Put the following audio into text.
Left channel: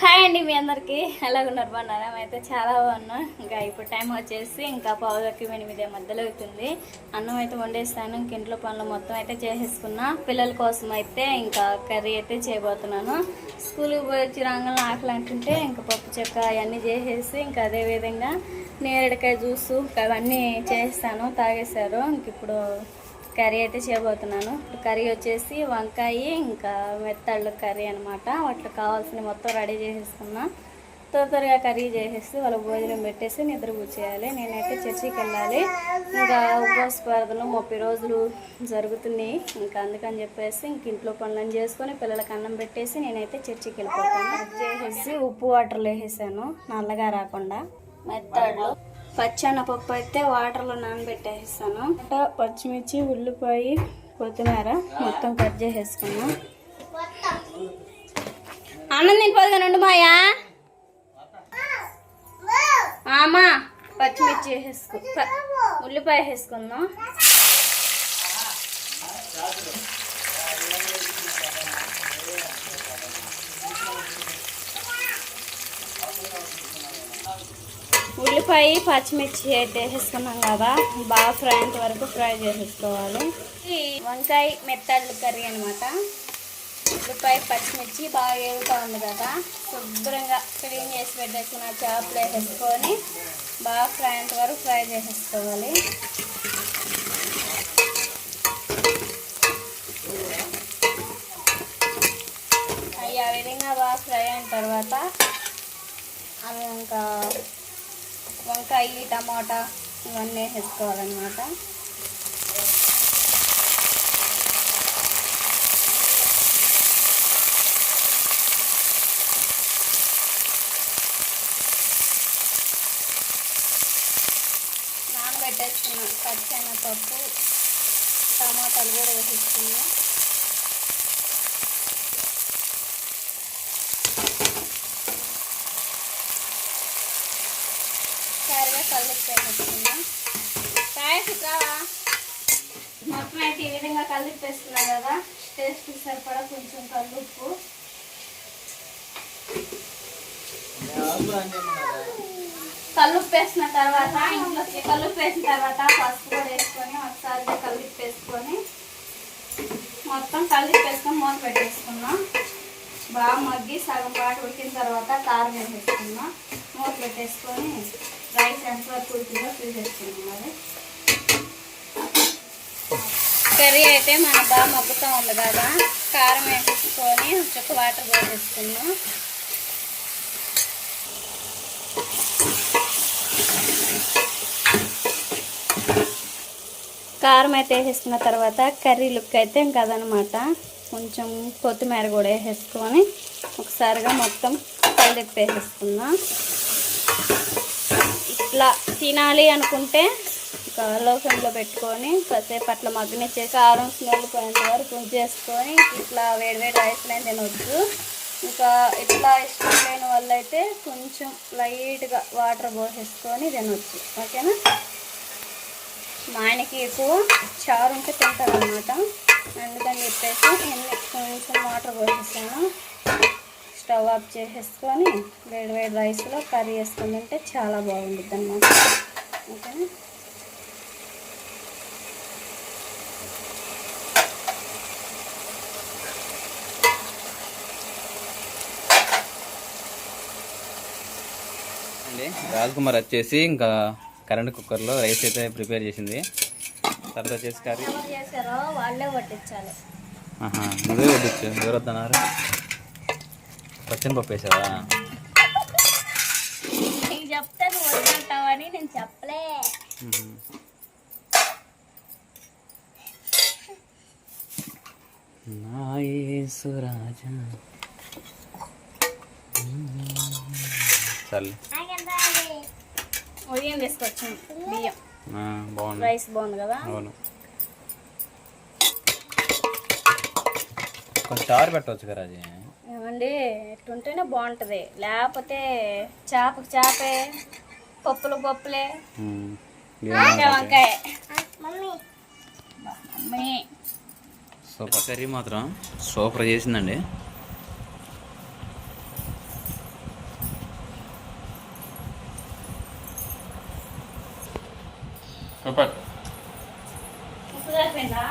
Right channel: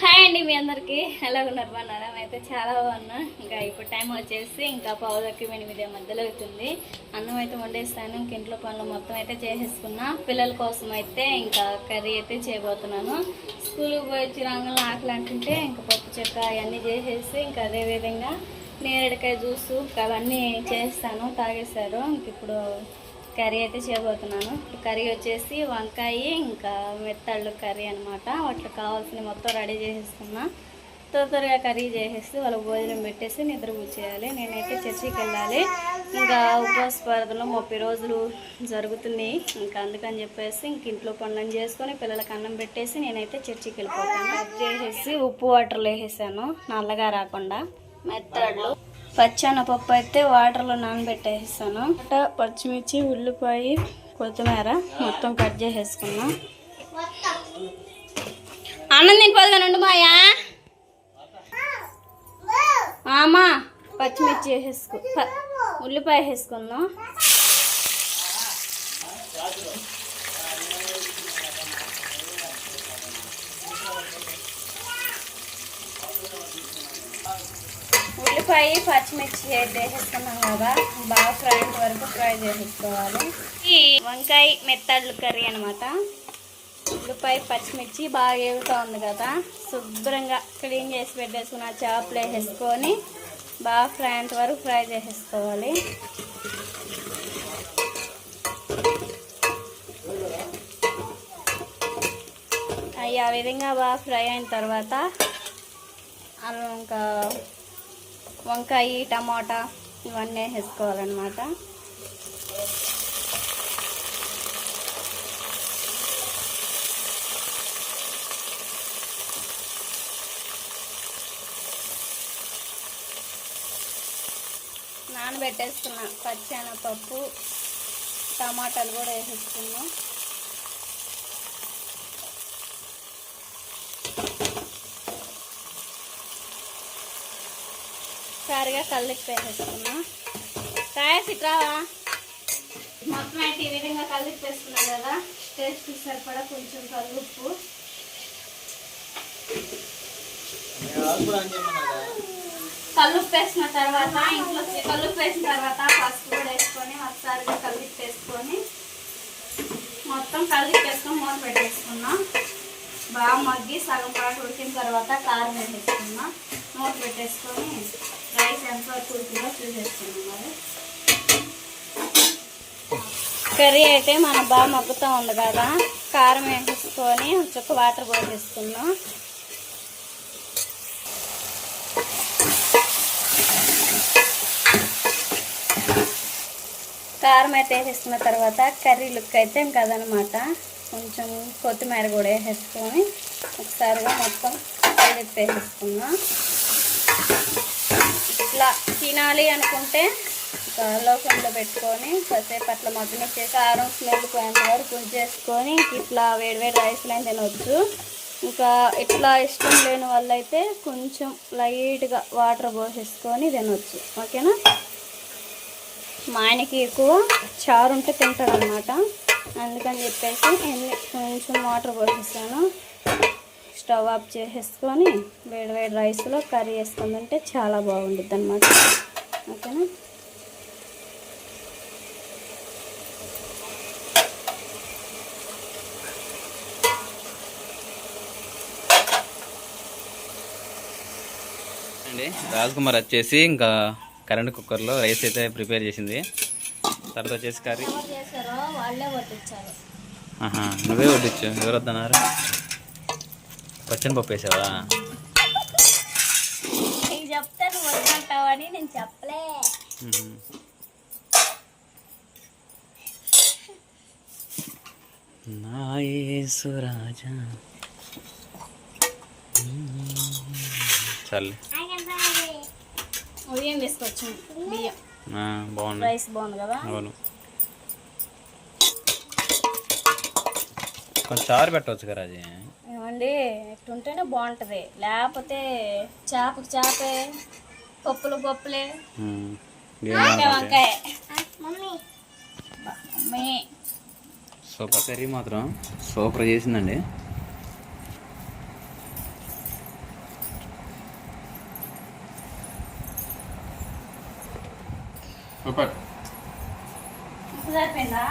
Hi అండి, మీ అందరికీ ఎలాగున్నారు? బాగున్నారా? అయితే చాలా బాగున్నా. ఇంకా ఇప్పుడు టైం వచ్చేసి ఇంకా పావులకి 8 మధ్యలో అవుతుంది. అన్నం అయితే వండేస్తాను. ఇంక ఇంట్లో పనులు మొత్తం అయితే చేసేసుకున్నా. పిల్లల కోసం అయితే ఇంకా కర్రీ అయితే చేయబోతున్నాను. స్కూల్కి పోయి వచ్చి రంగంలో ఆకలి అంటుంటే ఇంకా పప్పు చెక్క అవన్నీ చేసేసి ఇంకా అదేవిధంగా నేరేడుకాయ జ్యూసు అవన్నీ చేస్తాను. తాగేశారు. ఇంక ఇప్పుడు కర్రీ అయితే చేయబోతున్నాను. ఇప్పుడు కర్రీ వచ్చేసి వంకాయ ఇంకా మెత్తళ్ళు కర్రీ అనమాట. వాటికి కావాల్సిన మొత్తం రెడీ చేసేసుకున్నా. త్వరగా కర్రీ చేసేసి వాళ్ళకి భోజనం పెట్టేసి నిద్ర కూర్చేయాలి. నేనైతే చర్చికి వెళ్ళాలి. ఇంకా ఉపవాస ప్రార్థనలు 30 రోజులు జరుగుతున్నాయి. ఇంకా అందుకని చెప్పేసి ఇంక ఇంట్లో పనులను చేసుకొని పిల్లలకి అన్నం పెట్టేసి నేనైతే చర్చికి వెళ్ళిపోతాను. చేసేసి ఉప్పు వాటర్లో వేసేసాను నల్లగా రాకుండా. మెత్తళ్ళు పచ్చెనపప్పు అయితే వాటర్లో నానబెట్టేస్తాను. పచ్చిమిర్చి, ఉల్లిపాయ, కొత్తిమీర మొత్తం కట్ చేసేసుకున్నా. అన్నం తినిపోదుగా నుండి మాయా అమ్మా. పచ్చిమిర్చి వేసేసుకో, ఉల్లిపాయ వేసుకున్నాం. ఉల్లిపాయ పచ్చిమిర్చి అయితే వేసేసుకున్నాం కదా, బాగా ఫ్రై అయ్యేంత వరకు ఫ్రై చేసేసుకోవాలి. ఈ వంకాయ మెత్తళ్ళు కర్రీ అనమాట. ఉల్లిపాయ పచ్చిమిర్చి బాగా వేగుతూ ఉంది కదా, శుభ్రంగా క్లీన్ చేసి పెట్టేసుకున్న చేపలు వేసేసుకొని బాగా ఫ్రై అయ్యేంత వరకు ఫ్రై చేసేసుకోవాలి. అవి ఆ విధంగా బాగా ఫ్రై అయిన తర్వాత ఇంకా వంకాయ, టమాటా ఇవన్నీ వేసుకోవాలన్నమాట. నానబెట్టేసుకున్నాం. పచ్చెనపప్పు, టమాటాలు కూడా వేసేసుకున్నాం. సరిగా కలిపి వేసేసుకున్నా. రావా మొత్తం అయితే ఈ విధంగా కలిపి వేసుకున్నాం కదా. టేస్ట్ సరిపడా కొంచెం కల్లుప్పు, కల్లుప్పు వేసిన తర్వాత ఇంట్లో కల్లుప్పు వేసిన తర్వాత పసుపు కూడా వేసుకొని ఒకసారిగా కలిపి వేసుకొని మొత్తం కలిపి వేసుకొని మూత పెట్టేసుకున్నాం. బాగా మగ్గి సగం పాటు ఉడికిన తర్వాత కారం వేసేసుకున్నాం. మూత పెట్టేసుకొని రైస్ ఎంతవరకు ఉడికిందో చూసేసుకున్నాం. మరి కర్రీ అయితే మనం బాగా మగ్గుతూ ఉంది కదా, కారం వేసేసుకొని ఒక వాటర్ పోసేసుకున్నాం. కారం అయితే వేసేసుకున్న తర్వాత కర్రీ లుక్ అయితే ఇంకా అదనమాట. కొంచెం కొత్తిమీర కూడా వేసేసుకొని ఒకసారిగా మొత్తం కలిపి వేసేసుకున్నాం. ఇట్లా తినాలి అనుకుంటే లో ఫ్లేమ్లో పెట్టుకొని కాసేపు అట్లా మగ్గిన చేసి కారం స్మెల్ పోయేంత వరకు ఉంచేసుకొని ఇట్లా వేడివేడి రైస్లో తినవచ్చు. ఇంకా ఇట్లా ఇష్టం లేని వాళ్ళు అయితే కొంచెం లైట్గా వాటర్ పోసేసుకొని తినవచ్చు. ఓకేనా? మా ఆయనకి ఎక్కువ చారు ఉంటే తింటారు అనమాట. అందుకని చెప్పేసి కొంచెం వాటర్ పోసేస్తాను. స్టవ్ ఆఫ్ చేసేసుకొని వేడివేడి రైస్లో కర్రీ వేసుకుందంటే చాలా బాగుంటుంది అన్నమాట. ఓకేనా? అండి రాజ్కుమార్ వచ్చేసి ఇంకా కరెంట్ కుక్కర్లో రైస్ అయితే ప్రిపేర్ చేసింది. తర్వాత వచ్చేసి కర్రీ వాళ్ళే వడ్డించాలి. నువ్వే వడ్డించు. ఎవరు వద్దన్నారు? పచ్చని పప్పు వేసావా? చెప్తే నువ్వు వద్దంటావని నేను చెప్పలే. నా యేసు రాజా చాలే. ఉదయం తీసుకొచ్చు బియ్యం. బాగుంది, రైస్ బాగుంది కదా. అవును. కొంచెం చారు పెట్టవచ్చు కదా. అది ఏమండి ఎట్లుంటేనే బాగుంటుంది. లేకపోతే చేపకు చేపే, పప్పులు పప్పులే, వంకాయ. మమ్మీ సూపర్ కర్రీ మాత్రం సూపర్ చేసిందండి. సూపర్ ఉప్పు సరిపోయిందా